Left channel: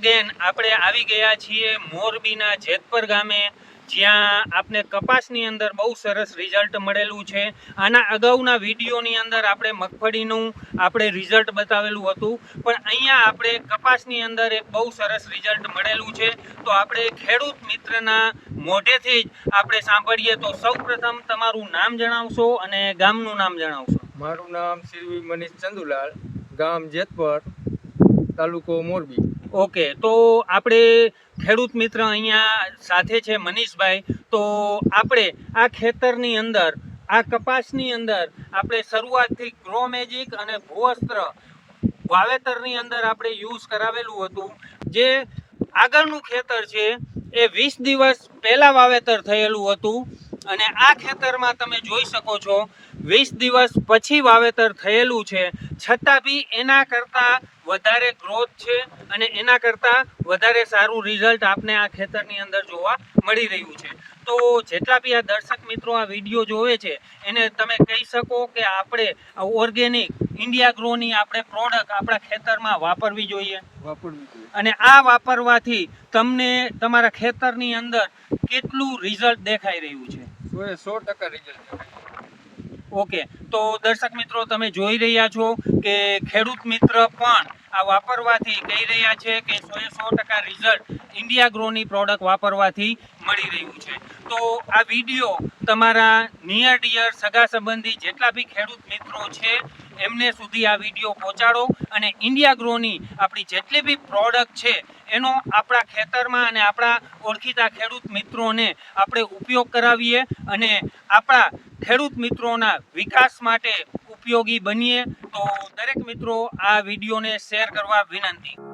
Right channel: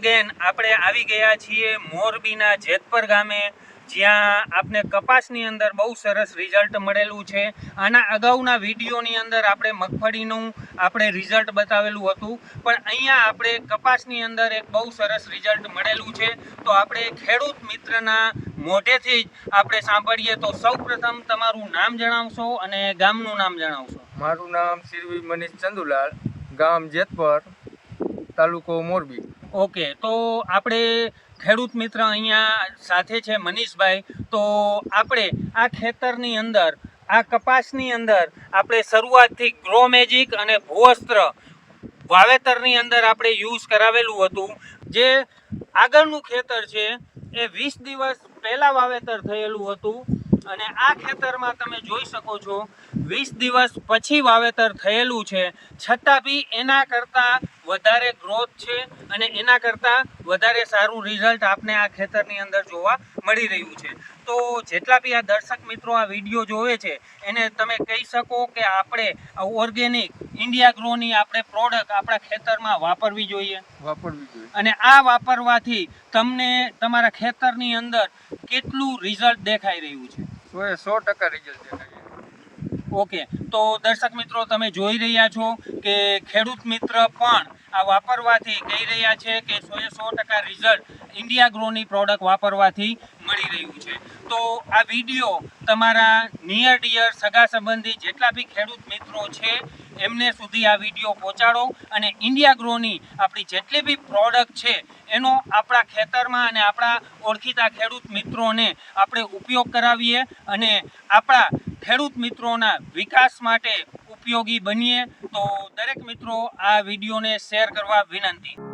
Again આપણે આવી ગયા છીએ મોરબીના જેતપર ગામે, જ્યાં આપને કપાસની અંદર બહુ સરસ રિઝલ્ટ મળેલું છે. આના અગાઉના વિડીયોની અંદર આપણે મગફળીનું રિઝલ્ટ બતાવેલું હતું, પણ અહીંયા આપણે કપાસની અંદર એક બહુ સરસ રિઝલ્ટ મળેલું છે. તો આપણે ખેડૂત મિત્રના મોઢેથી જ આપણે સાંભળીએ. તો સૌપ્રથમ તમારું નામ જણાવશો અને ગામનું નામ જણાવશો. મારું નામ શ્રી મનીષ ચંદુલાલ, ગામ જેતપર, તાલુકો મોરબી. ઓકે, તો આપણે ખેડૂત મિત્ર અહીંયા સાથે છે મનીષભાઈ. તો આપણે આ ખેતરની અંદર, આ કપાસની અંદર આપણે શરૂઆતથી ગ્રો મેજિક અને ભૂવસ્ત્ર વાવેતરની અંદર આપણે યુઝ કરાવેલું હતું. જે આગળનું ખેતર છે એ 20 દિવસ પહેલાં વાવેતર થયેલું હતું, અને આ ખેતરમાં તમે જોઈ શકો છો 20 દિવસ પછી વાવેતર થયેલું છે, છતાં બી એના કરતાં વધારે ગ્રોથ છે અને એના કરતાં વધારે સારું રિઝલ્ટ આપને આ ખેતરની અંદર જોવા મળી રહ્યું છે. તો જેટલા બી આ દર્શક મિત્રો આ વિડીયો જોવે છે એને તમે કહી શકો કે આપણે ઓર્ગેનિક ઇન્ડિયા ગ્રોની આપણે પ્રોડક્ટ આપણા ખેતરમાં વાપરવી જોઈએ. અને આ વાપરવાથી તમને તમારા ખેતરની અંદર કેટલું રિઝલ્ટ દેખાઈ રહ્યું છે? 100% રિઝલ્ટ દેખાય. ઓકે, તો દર્શક મિત્રો તમે જોઈ રહ્યા છો કે ખેડૂત મિત્ર પણ આ વાપરવાથી કહી રહ્યા છે કે 100% રિઝલ્ટ ઇન્ડિયા ગ્રોની પ્રોડક્ટ વાપરવાથી મળી રહ્યું છે. તો આ વિડીયો તમારા નિયર ડિયર સગા સંબંધી જેટલા બી ખેડૂત મિત્રો છે એમને સુધી આ વિડીયો પહોંચાડો, અને ઇન્ડિયા ગ્રોની આપણી જેટલી બી પ્રોડક્ટ છે એનો આપણા ખેતરમાં અને આપણા ઓળખીતા ખેડૂત મિત્રોને આપણે ઉપયોગ કરાવીએ અને આપણા ખેડૂત મિત્રોના વિકાસ માટે ઉપયોગી બનીએ. તો દરેક મિત્રો આ વિડીયોને શેર કરવા વિનંતી.